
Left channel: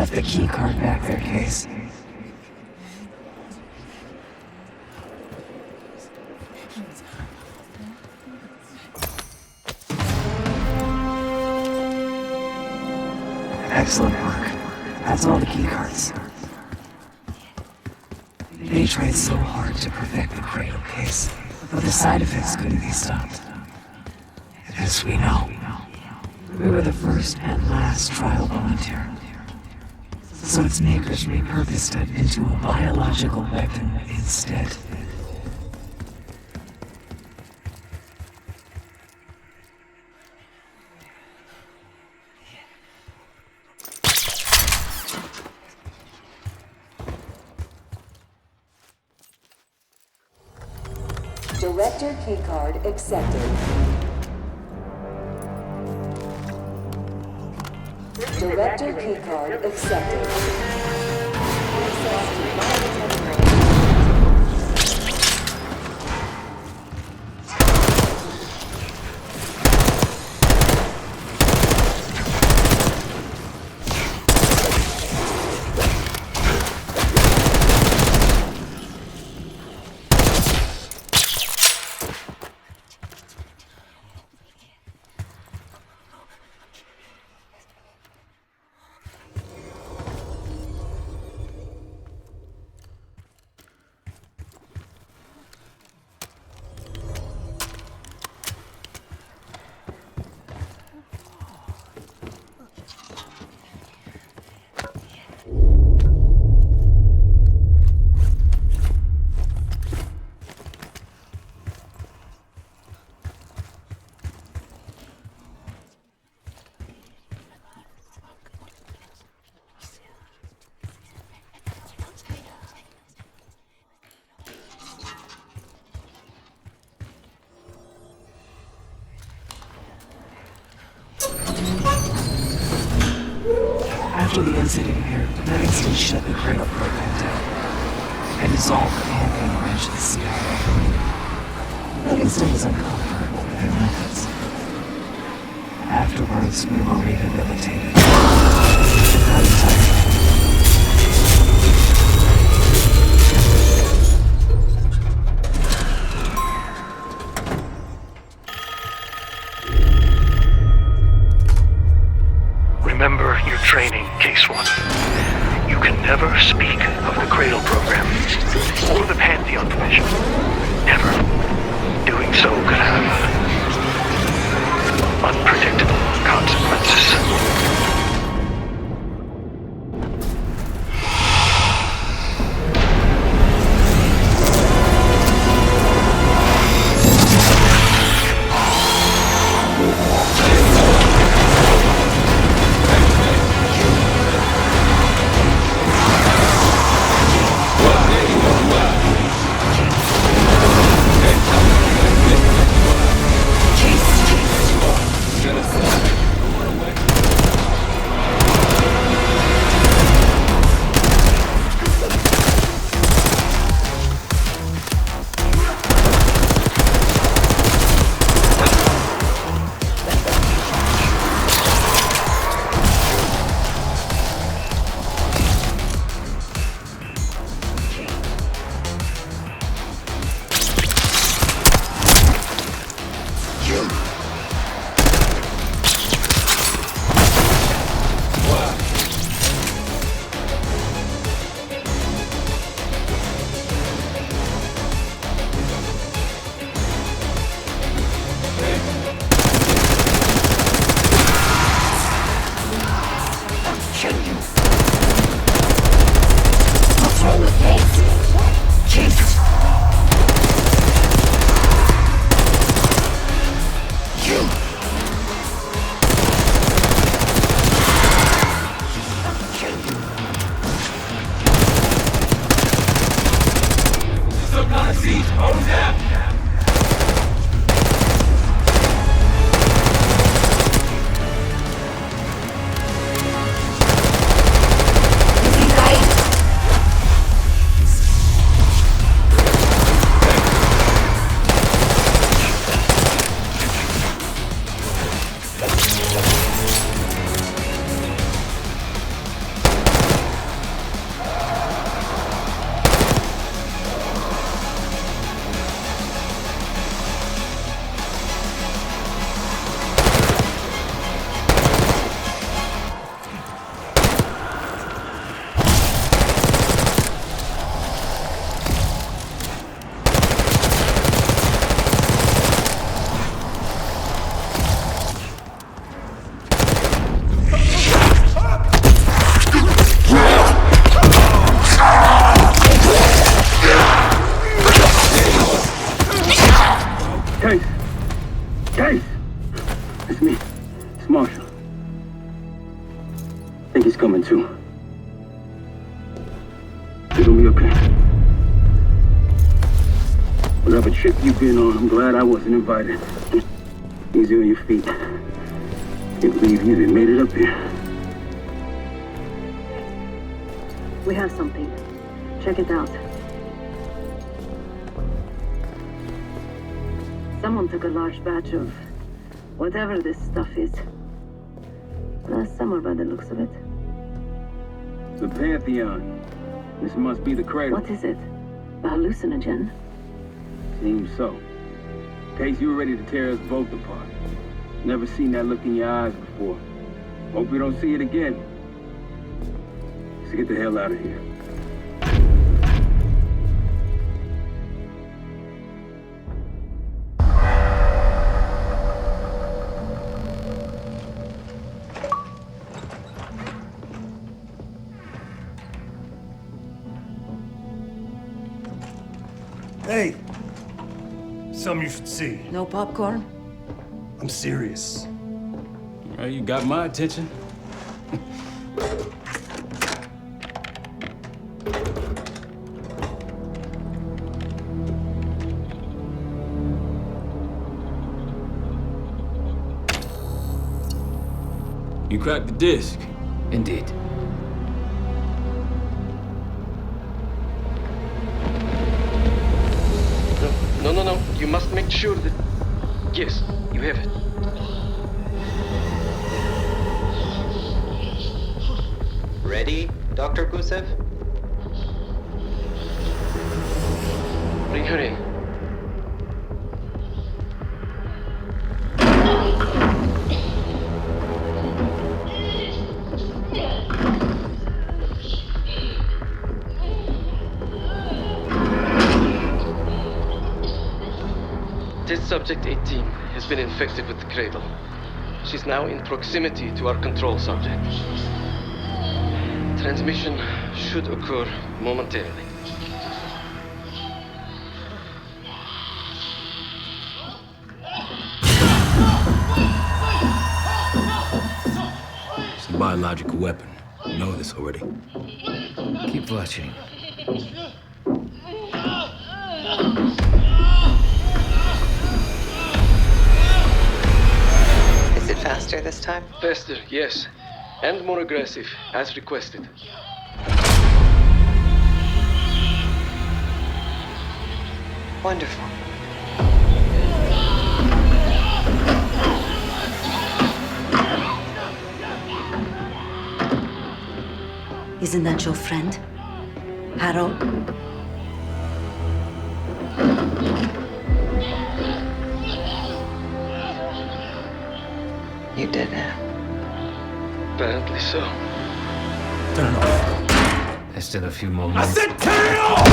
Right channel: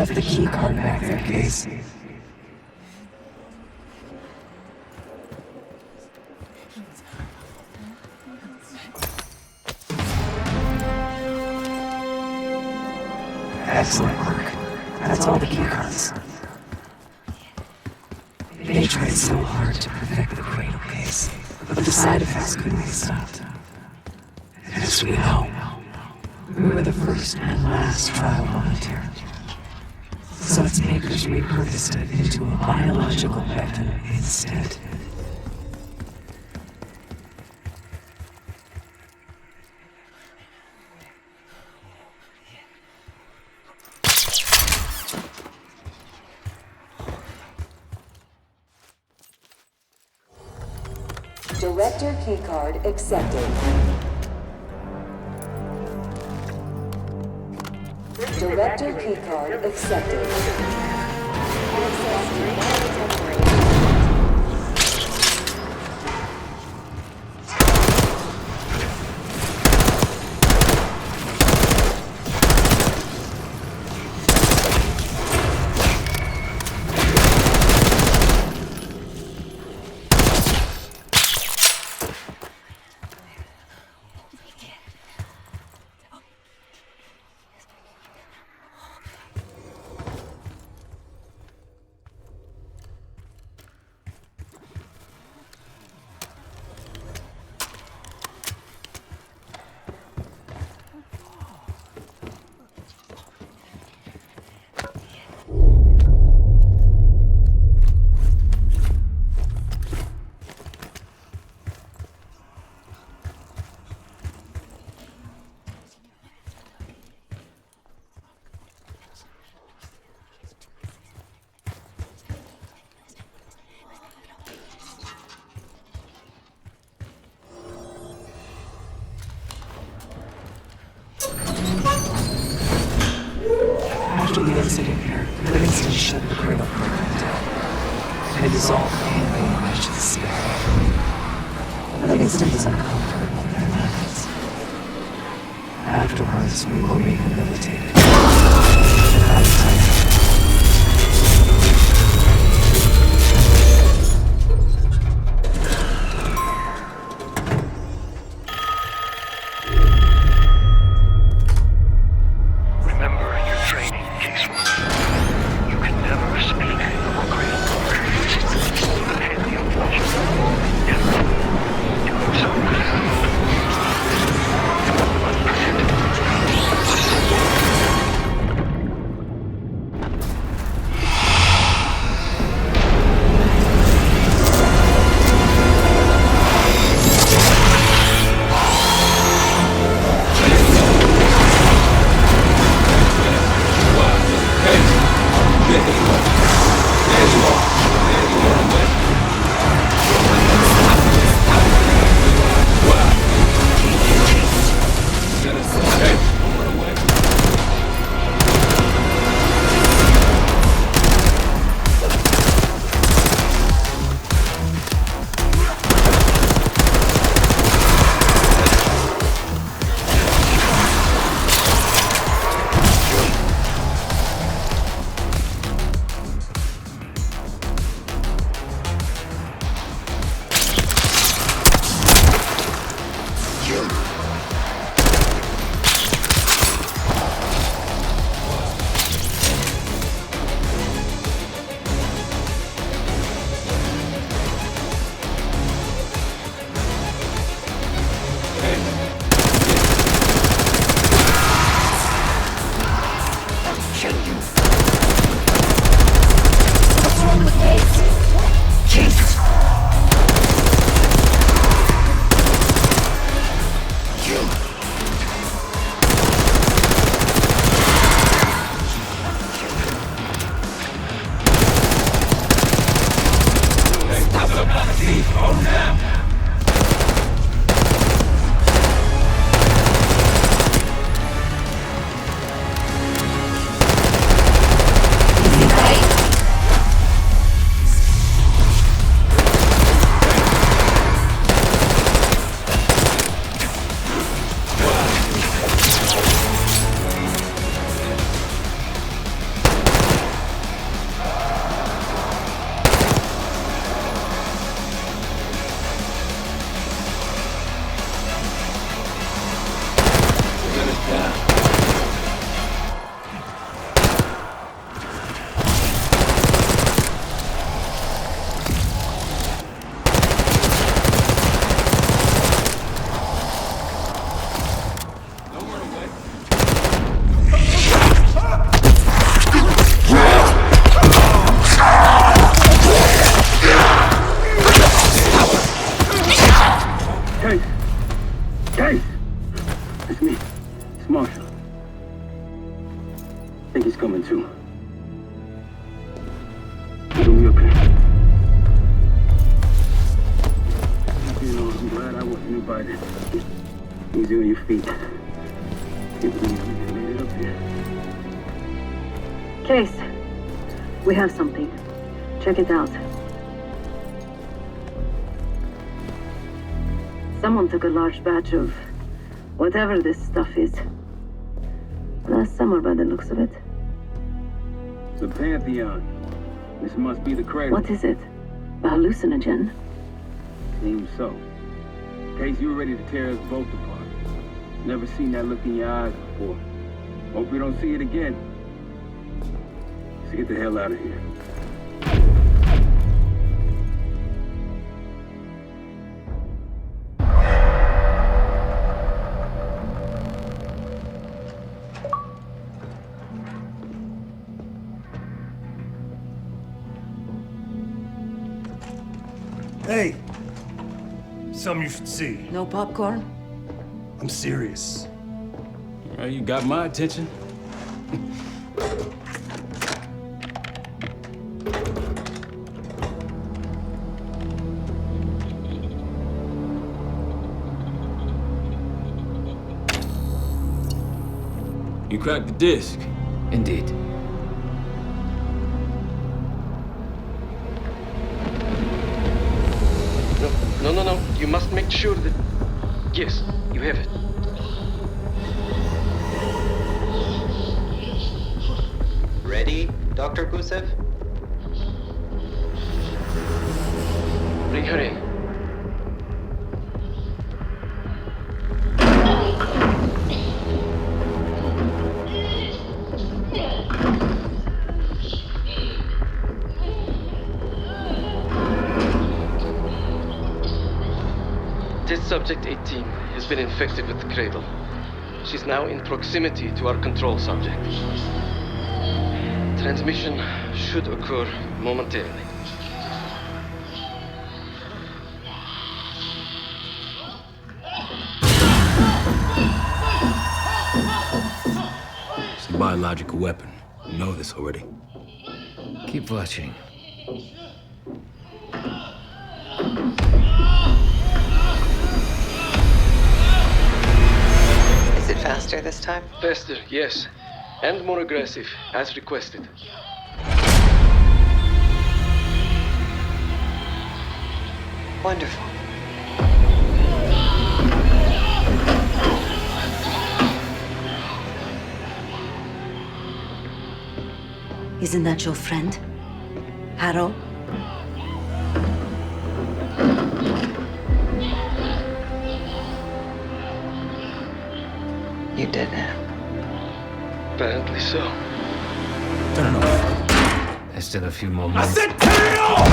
Left the key card back there, Case. Excellent work. That's all the key cards. They tried so hard to perfect the cradle, Case, but the side effects couldn't be stopped. As we know, we were the first and last trial volunteer. So its makers repurposed it into a biological weapon instead. Director keycard accepted. Director keycard accepted. Access to monitoring. After the incident here, Livingston shut the Cradle program down. I dissolved the campaign branch of the CIA. Livingston was uncomfortable with their methods. Afterwards, we were rehabilitated. I was tired. Remember your training, Case 1. You can never speak of the Cradle program or the Pantheon division. Never. Doing so could have unpredictable consequences. Case! It's me. It's Marshall. I think he's coming too. You're gonna be okay. Whatever trip you've been on, I'm glad I wasn't invited. Easy on your feet. Can't believe you even made it up here. Case, we have something. Check it out. Someone took a large batch of whatever this stuff is. Last summer, by the looks of it. The Pantheon. This must be the Cradle. What is it? A hallucinogen? Seems so. Case, you were ready to tear us both apart. Never seen that look in your eyes before. Hope we don't see it again. Let's get the hell out of here. Hey, something you should see. No popcorn? I'm serious. Well, you got my attention. You cracked the disc. Indeed. No. You must make sure that... Yes, you have it. Ready, Dr. Gusev? Bring her in. Test subject 18 has been infected with the cradle. She's now in proximity to our control subject. Transmission should occur momentarily. It's a biological weapon. You know this already. Keep watching. Is it faster this time? Faster, yes. And more aggressive, as requested. Wonderful. Isn't that your friend? Harrow? You did it. Apparently so. Turn it off. There's still a few more minutes. I said turn it off!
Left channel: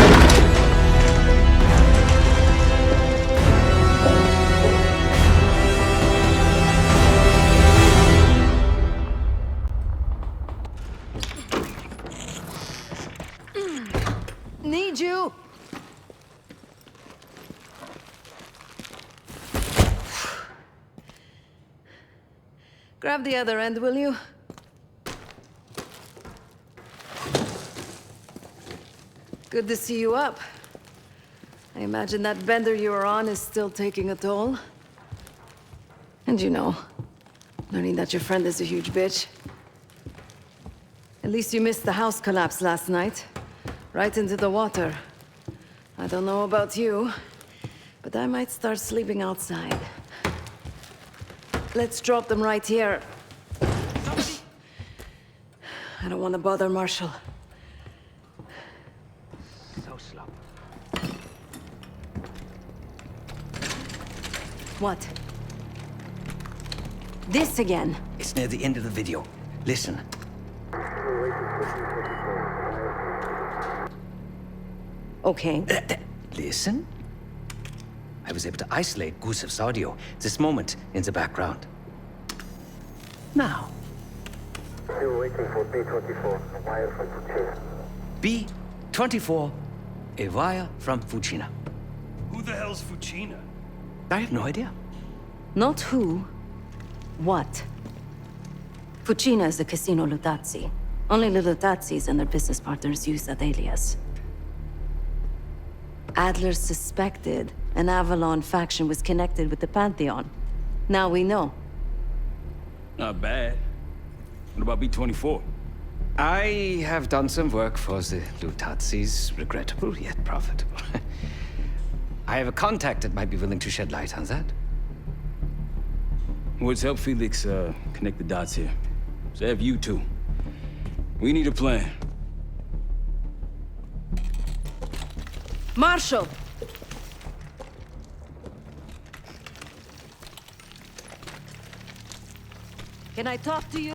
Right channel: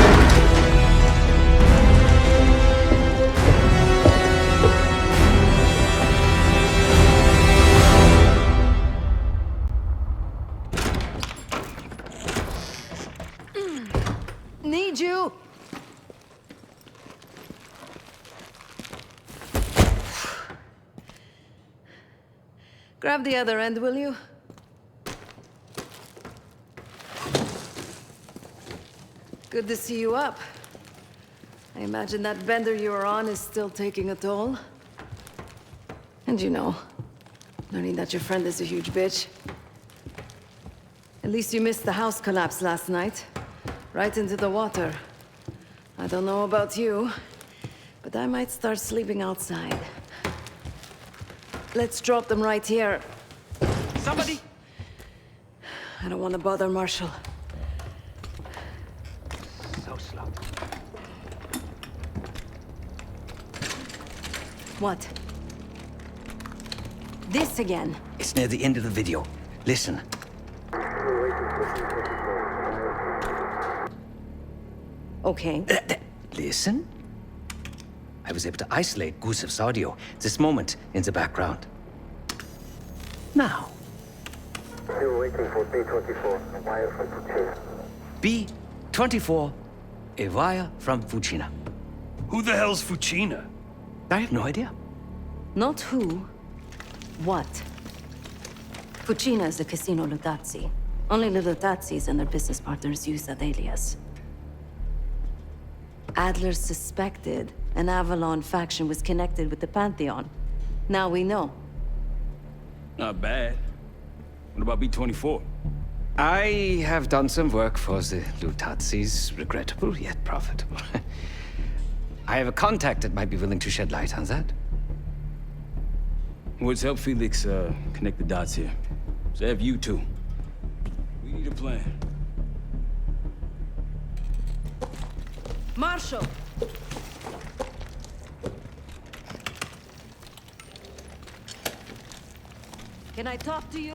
Need you! Grab the other end, will you? Good to see you up. I imagine that bender you were on is still taking a toll. And you know, learning that your friend is a huge bitch. At least you missed the house collapse last night. Right into the water. I don't know about you, but I might start sleeping outside. Let's drop them right here. Somebody! I don't want to bother Marshall. So slow. What? This again? It's near the end of the video. Listen. Okay. Listen. I was able to isolate Gusev's audio this moment in the background. Now. Still waiting for B-24, a wire from Fucina. B-24, a wire from Fucina. Who the hell's Fucina? I have no idea. Not who, what. Fucina is the Casino Lutazzi. Only the Lutazzis and their business partners use that alias. Adler suspected an Avalon faction was connected with the Pantheon. Now we know. Not bad. What about B-24? I have done some work for the Lutazzis, regrettable yet profitable. I have a contact that might be willing to shed light on that. Let's help Felix connect the dots here. So have you two. We need a plan. Marshall! Can I talk to you?